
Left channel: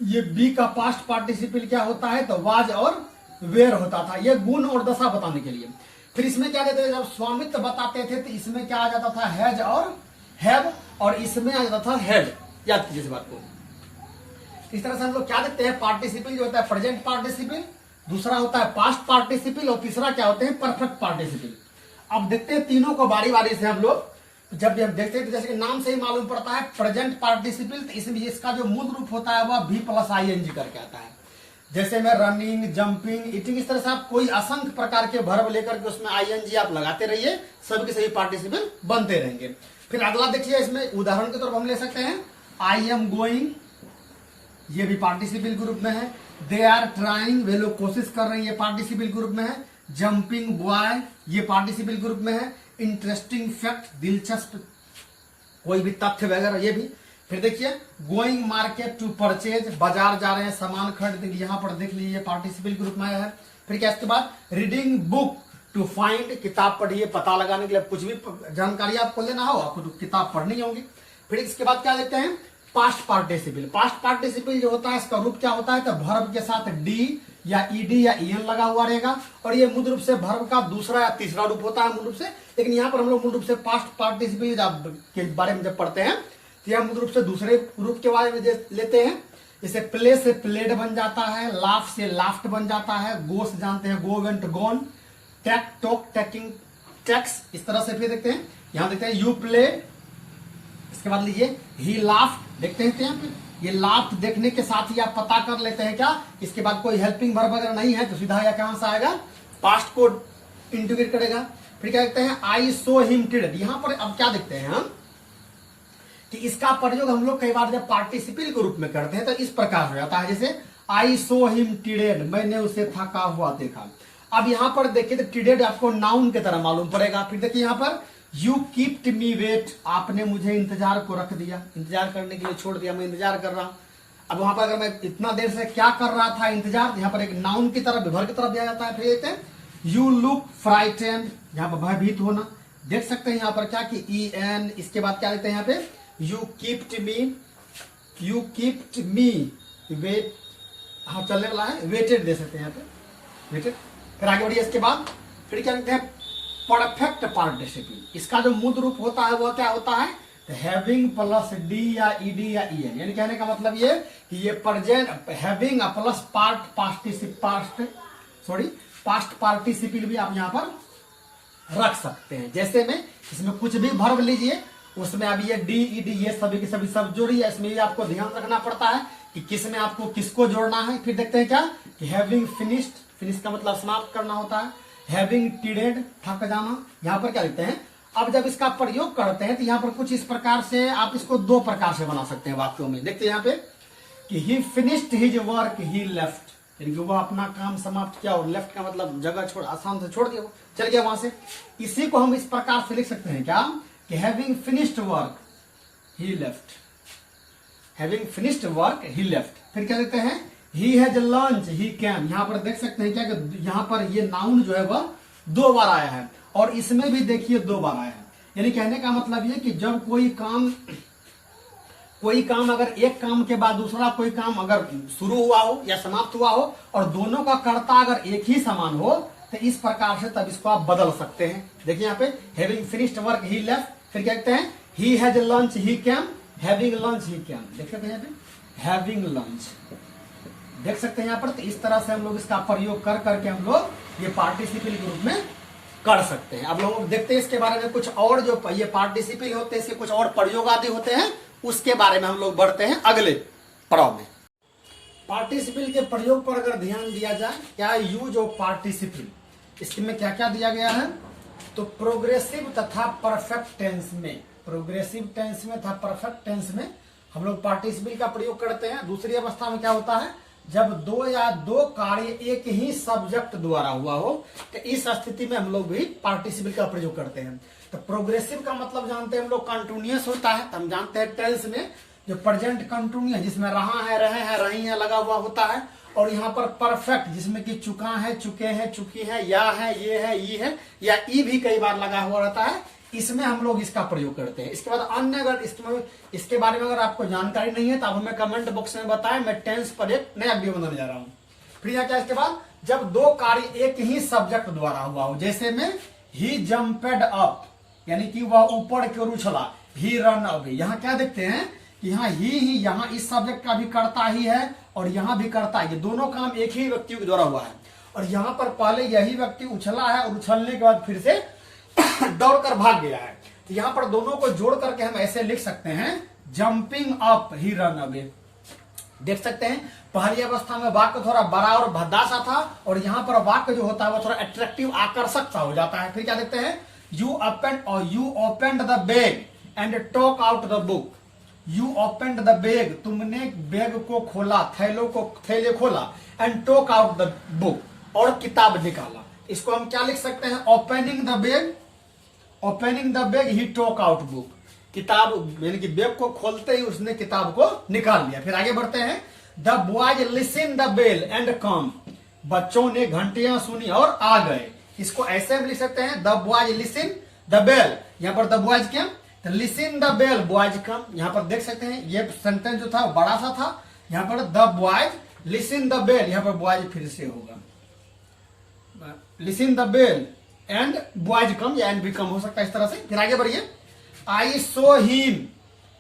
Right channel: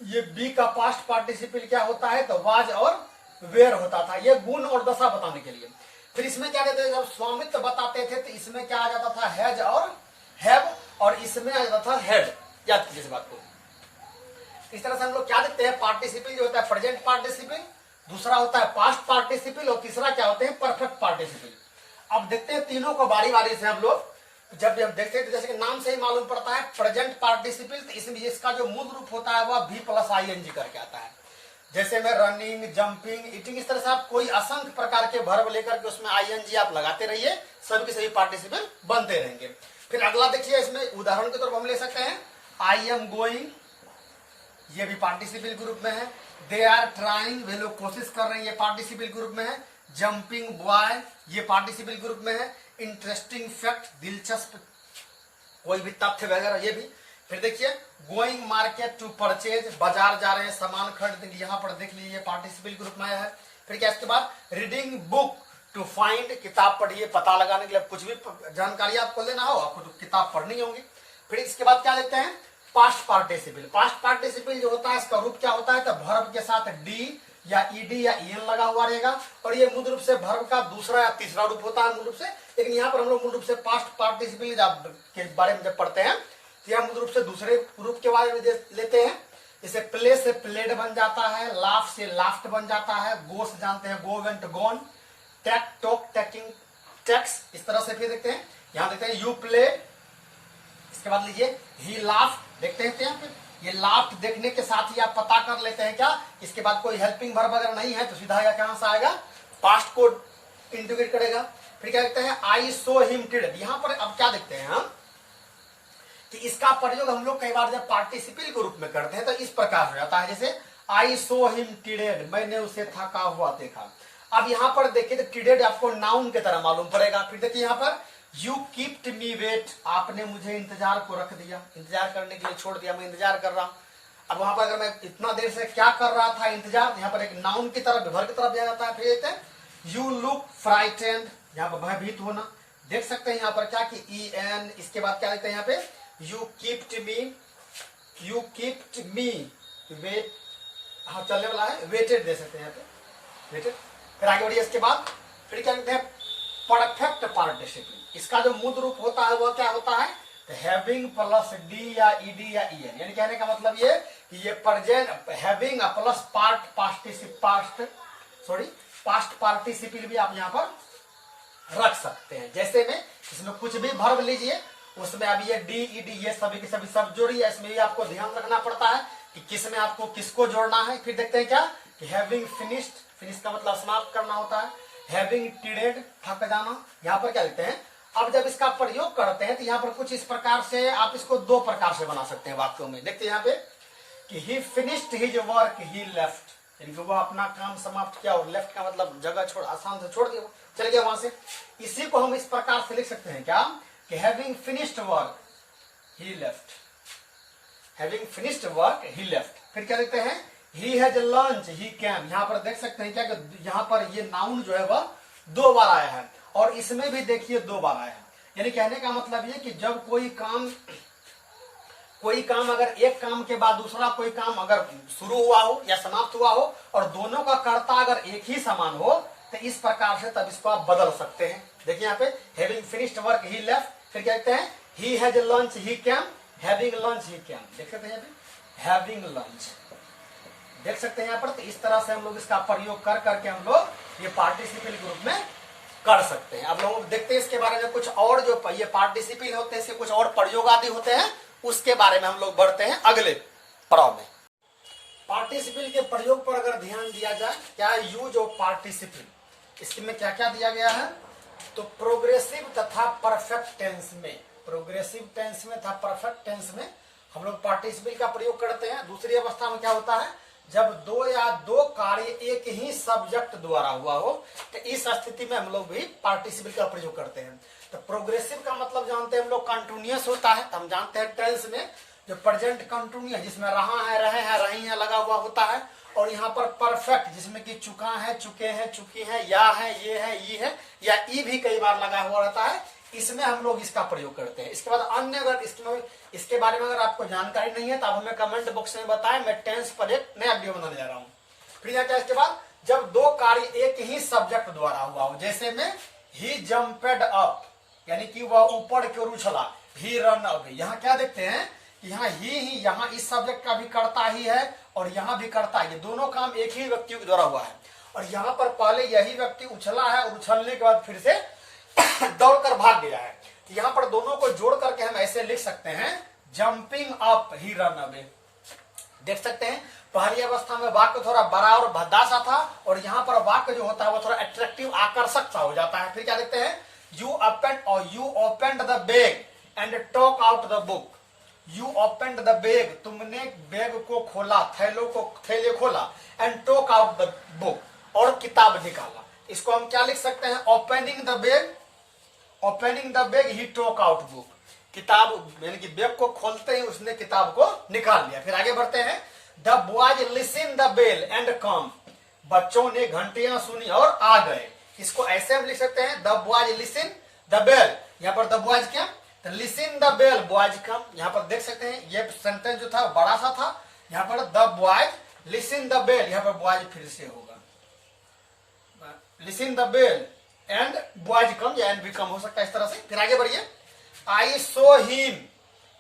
ये बी का पास्ट पार्टिसिपल क्या होता है, तो वाज और वेयर होता था। ये गुण और दशा बताने के लिए। फिर इसमें क्या कहते थे, जब स्वामित्व बताते थे तो इसमें क्या आ जाता था, हैज और हैव, और इसमें आ जाता था हैज। याद कीजिए इस बात को। इस तरह से हम लोग क्या देखते हैं, पार्टिसिपल जो होता है प्रेजेंट पार्टिसिपल, दूसरा होता है पास्ट पार्टिसिपल, और तीसरा क्या होते हैं, परफेक्ट पार्टिसिपल। अब देखते हैं तीनों को बारी बारी से हम लोग। जब भी हम देखते हैं तो जैसे कि नाम से ही मालूम पड़ता है प्रेजेंट पार्टिसिपल, तो इसमें इसका जो मूल रूप होता है वह भी प्लस ING करके आता है। जैसे में रनिंग, जंपिंग, ईटिंग, इस तरह से आप कोई असंख्य प्रकार के वर्ब लेकर के उसमें ING आप लगाते रहिए, सभी के सभी पार्टिसिपल बनते रहेंगे। फिर अगला देखिए, इसमें उदाहरण के तौर पर हम ले सकते हैं आई एम गोइंग, ये भी पार्टिसिपल ग्रुप में है। दे आर ट्राइंग, वे लोग कोशिश कर रहे हैं, ये पार्टिसिपल ग्रुप में है। जंपिंग बॉय, ये पार्टिसिपल ग्रुप में है। इंटरेस्टिंग फैक्ट, दिलचस्प कोई भी तथ्य वगैरह, ये भी। फिर देखिए गोइंग मार्केट टू परचेज, बाजार जा रहे हैं सामान खरीदने, यहाँ पर देख लीजिए पार्टिसिपल ग्रुप में है। फिर क्या इसके बाद रीडिंग बुक टू फाइंड, किताब पढ़िए पता लगाने के लिए, कुछ भी जानकारी आपको लेना हो आपको तो किताब पढ़नी होगी। फिर इसके बाद क्या देखते हैं, पास्ट पार्टिसिपल। पास्ट पार्टिसिपल जो होता है इसका रूप क्या होता है, तो वर्ब के साथ डी या ईडी या ईएन लगा हुआ रहेगा, और ये मूल रूप से वर्ब का दूसरा या तीसरा रूप होता है मूल रूप से। लेकिन यहाँ पर हम लोग मूल रूप से पास्ट पार्टिसिपल के बारे में जब पढ़ते हैं तो यह मूल रूप से दूसरे रूप के बारे में लेते हैं। जैसे प्ले से प्लेड बन जाता है, लाफ से लाफ्ट बन जाता है, गो से जानते हैं गो वेंट गॉन, टैक टॉक टैकिंग टैक्स, इस तरह से फिर देखते हैं। यहाँ देखते हैं यू प्ले, इसके बाद लीजिए ही लाफ्ट, देखते हैं यहाँ पे ये लाफ्ट देखने के साथ ही आप पता कर लेते हैं क्या, इसके बाद कोई हेल्पिंग वर्ब अगर नहीं है तो सीधा या कहां से आएगा, पास्ट को इंटीग्रेट करेगा। फिर क्या देखते हैं आई सो हिम टिडेड, यहां पर अब क्या देखते हैं हम कि इसका प्रयोग हम लोग कई बार जब पार्टिसिपल के रूप में करते हैं तो इस प्रकार हो जाता है, जैसे आई सो हिम टिडेड, मैंने उसे थका हुआ देखा। अब यहां पर देखिए तो टिडेड आपको नाउन की तरह मालूम पड़ेगा। फिर देखिए यहां पर यू कीप्ट मी वेट, आपने मुझे इंतजार को रख दिया, इंतजार करने के लिए छोड़ दिया, मैं इंतजार कर रहा हूं। अब वहां पर अगर मैं इतना देर से क्या कर रहा था, इंतजार, यहाँ पर एक नाउन की तरफ विभर की तरफ दिया जाता है। फिर देखते हैं यू लुक फ्राइटेंड, यहाँ पर भयभीत होना, देख सकते हैं यहाँ पर क्या कि EN, इसके बाद क्या देखते हैं यहाँ पे यू कीप्ट मी वेट, हाँ चलने वाला है, वेटेड दे सकते हैं यहाँ पे वेटेड। फिर आगे बढ़िए, इसके बाद फिर क्या लिखते हैं परफेक्ट पार्टिसिपल, इसका जो मूल रूप होता है वह क्या होता है, हैविंग प्लस डी या ईडी या EN, यानी कहने का मतलब ये कि ये present having plus past participle भी आप यहां पर रख सकते हैं। जैसे में इसमें कुछ भी वर्ब लीजिए उसमें अब ये डी ईडी ये सभी के सभी सब जोड़िए, इसमें भी आपको ध्यान रखना पड़ता है कि किस में आपको किसको जोड़ना है। फिर देखते हैं क्या कि हैविंग फिनिश्ड, फिनिश का मतलब समाप्त करना होता है। हैविंग टिडेड, थक जाना। यहाँ पर क्या लिखते हैं, अब जब इसका प्रयोग करते हैं तो यहाँ पर कुछ इस प्रकार से आप इसको दो प्रकार से बना सकते हैं वाक्यों में। देखते हैं यहाँ पे कि ही फिनिश्ड हिज वर्क ही लेफ्ट, यानी कि वह अपना काम समाप्त किया, और लेफ्ट का मतलब जगह छोड़, आसान से छोड़ दिया, वो चल गया वहां से। इसी को हम इस प्रकार से लिख सकते हैं क्या कि हैविंग फिनिश्ड वर्क ही लेफ्ट, हैविंग फिनिश्ड वर्क ही लेफ्ट। फिर क्या लिखते हैं he has lunch he cam, यहां पर देख सकते हैं क्या कि यहां पर ये नाउन जो है वह दो बार आया है, और इसमें भी देखिए दो बार आया है। यानी कहने का मतलब ये कि जब कोई काम अगर एक काम के बाद दूसरा कोई काम अगर शुरू हुआ हो या समाप्त हुआ हो और दोनों का कर्ता अगर एक ही समान हो तो इस प्रकार से तब इसको आप बदल सकते हैं। देखिए यहाँ पे हैविंग फिनिश्ड वर्क ही लेफ्ट, फिर क्या कहते हैं he has lunch he cam, having lunch he cam, देख सकते हैं यहाँ पे हैविंग लंच, देख सकते हैं यहाँ पर। तो इस तरह से हम लोग इसका प्रयोग कर करके हम लोग ये पार्टिसिपल ग्रुप में कर सकते हैं। अब लोग देखते हैं इसके बारे में कुछ और, जो ये पार्टिसिपल होते हैं इसके कुछ और प्रयोग आदि होते हैं, उसके बारे में हम लोग बढ़ते हैं अगले पड़ाव में। पार्टिसिपल के प्रयोग पर अगर ध्यान दिया जाए, क्या यूज ऑफ पार्टिसिपल, इसमें क्या क्या दिया गया है, तो प्रोग्रेसिव तथा परफेक्ट टेंस में, प्रोग्रेसिव टेंस में तथा परफेक्ट टेंस में हम लोग पार्टिसिपल का प्रयोग करते हैं। दूसरी अवस्था में क्या होता है, जब दो या दो कार्य एक ही सब्जेक्ट द्वारा हुआ हो तो इस स्थिति में हम लोग भी पार्टिसिपल का प्रयोग करते हैं। तो प्रोग्रेसिव का मतलब जानते हैं हम लोग कंटिन्यूअस होता है, हम जानते हैं टेंस में जो प्रेजेंट कंटिन्यूअस जिसमें रहा है, रहे हैं, रही है लगा हुआ होता है, और यहाँ पर परफेक्ट जिसमें कि चुका है, चुके हैं, चुकी है, या है, ये है, ई है, या ई भी कई बार लगा हुआ रहता है, इसमें हम लोग इसका प्रयोग करते हैं। इसके बाद अन्य अगर इसके बारे में अगर आपको जानकारी नहीं है तो आप हमें कमेंट बॉक्स में बताएं, मैं टेंस पर एक नया वीडियो बनाने जा रहा हूं। फिर यहाँ क्या इसके बाद जब दो कार्य एक ही सब्जेक्ट द्वारा हुआ हो, जैसे में ही जंपेड अप, यानी कि वह ऊपर की ओर उछला, ही रन अवे। यहाँ क्या देखते हैं कि यहाँ ही यहाँ इस सब्जेक्ट का भी कर्ता ही है और यहाँ भी कर्ता है, दोनों काम एक ही व्यक्ति के द्वारा हुआ है। और यहाँ पर पहले यही व्यक्ति उछला है और उछलने के बाद फिर से दौड़कर भाग गया है। तो यहाँ पर दोनों को जोड़ करके हम ऐसे लिख सकते हैं, जंपिंग अप ही रन अवे। देख सकते हैं पहली अवस्था में वाक्य थोड़ा बड़ा और भद्दा सा था, और यहाँ पर वाक्य जो होता है वो थोड़ा अट्रैक्टिव, आकर्षक सा हो जाता है। फिर क्या देखते हैं, you opened the bag and talk out the book. You opened the bag, तुमने बैग को खोला, थैले खोला, and talk out the book, और किताब निकाला। इसको हम क्या लिख सकते हैं, opening the bag he talk out book. किताब यानी कि बैग को खोलते ही उसने किताब को निकाल लिया। फिर आगे बढ़ते हैं, the boys listen the bell and come. बच्चों ने घंटियां सुनी और आ गए। इसको ऐसे हम लिख सकते हैं, the boys listen the bell, यहाँ पर द बॉयज क्या, listen the bell boys come. यहाँ पर देख सकते हैं ये सेंटेंस जो था बड़ा सा था, यहाँ पर the boys listen the bell, यहाँ पर बॉयज फिर से होगा, listen the bell and boys come, या एंड भी कम हो सकता है इस तरह से। फिर आगे बढ़िए, I saw him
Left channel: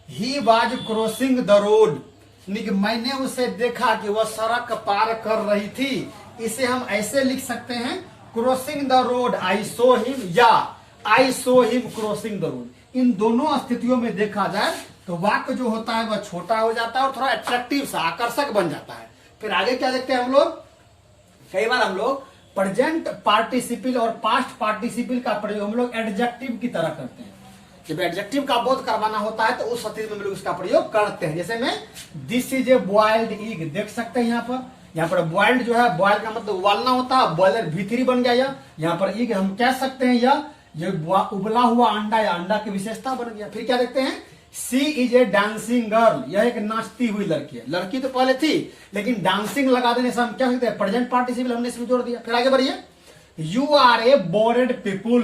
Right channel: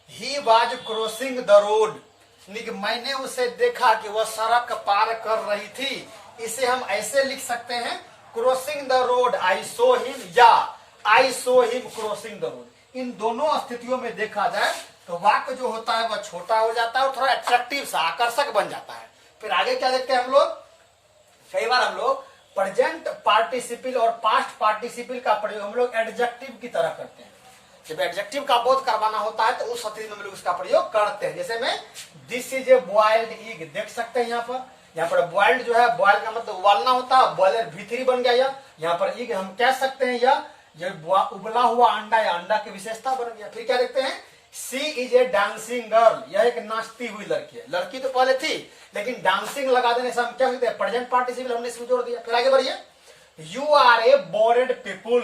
he was crossing the road. मैंने उसे देखा कि वह सड़क पार कर रही थी। इसे हम ऐसे लिख सकते हैं, crossing the road I saw him, या आई saw him crossing the road. इन दोनों स्थितियों में देखा जाए तो वाक्य जो होता है वह छोटा हो जाता है और थोड़ा अट्रैक्टिव सा, आकर्षक बन जाता है। फिर आगे क्या देखते हैं हम लोग, कई बार हम लोग प्रेजेंट पार्टिसिपल और पास्ट पार्टिसिपल का प्रयोग हम लोग एडजेक्टिव की तरह करते हैं। जब एडजेक्टिव का बोध करवाना होता है तो उस स्थिति में हम लोग उसका प्रयोग करते हैं। जैसे में this is a boiled egg, देख सकते हैं यहाँ पर बॉइल्ड जो है, बॉइल्ड का मतलब उबालना होता है, बॉयलर भीतरी बन गया। यहाँ पर एग हम कह सकते हैं यह उबला हुआ अंडा या अंडा की विशेषता बन गया। फिर क्या देखते हैं, सी इज ए डांसिंग गर्ल, यह एक नाचती हुई लड़की है। लड़की तो पहले थी लेकिन डांसिंग लगा देने से हम क्या कहते हैं, प्रेजेंट पार्टिसिपल हमने इसमें जोड़ दिया। फिर आगे बढ़िए, यू आर ए बोरेड पीपुल,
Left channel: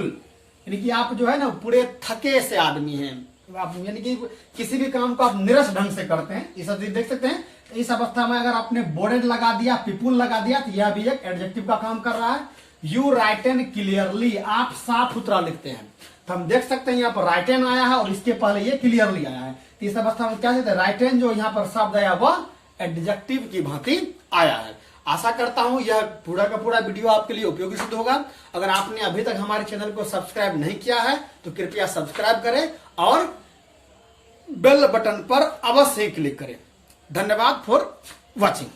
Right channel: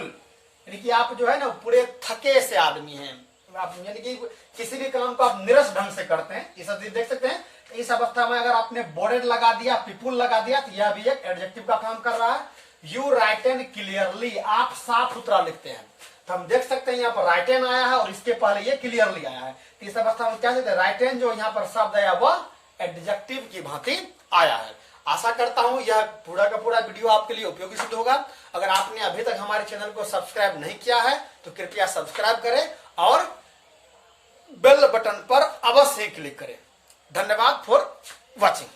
यानी कि आप जो है ना पूरे थके से आदमी हैं, आप यानी कि किसी भी काम को आप निरस ढंग से करते हैं। इस देख सकते हैं इस अवस्था में अगर आपने बोरेड लगा दिया, पीपुल लगा दिया, तो यह भी एक एडजेक्टिव का काम कर रहा है। यू राइट एन क्लियरली, आप साफ सुथरा लिखते हैं। तो हम देख सकते हैं यहाँ पर राइट एन आया है और इसके पहले ये क्लियरली आया है। तो इस अवस्था में क्या कहते हैं, राइट एन जो यहाँ पर शब्द आया वह एडजेक्टिव की भांति आया है। आशा करता हूं यह पूरा का पूरा वीडियो आपके लिए उपयोगी सिद्ध होगा। अगर आपने अभी तक हमारे चैनल को सब्सक्राइब नहीं किया है तो कृपया सब्सक्राइब करें और बेल बटन पर अवश्य क्लिक करें। धन्यवाद फॉर वॉचिंग।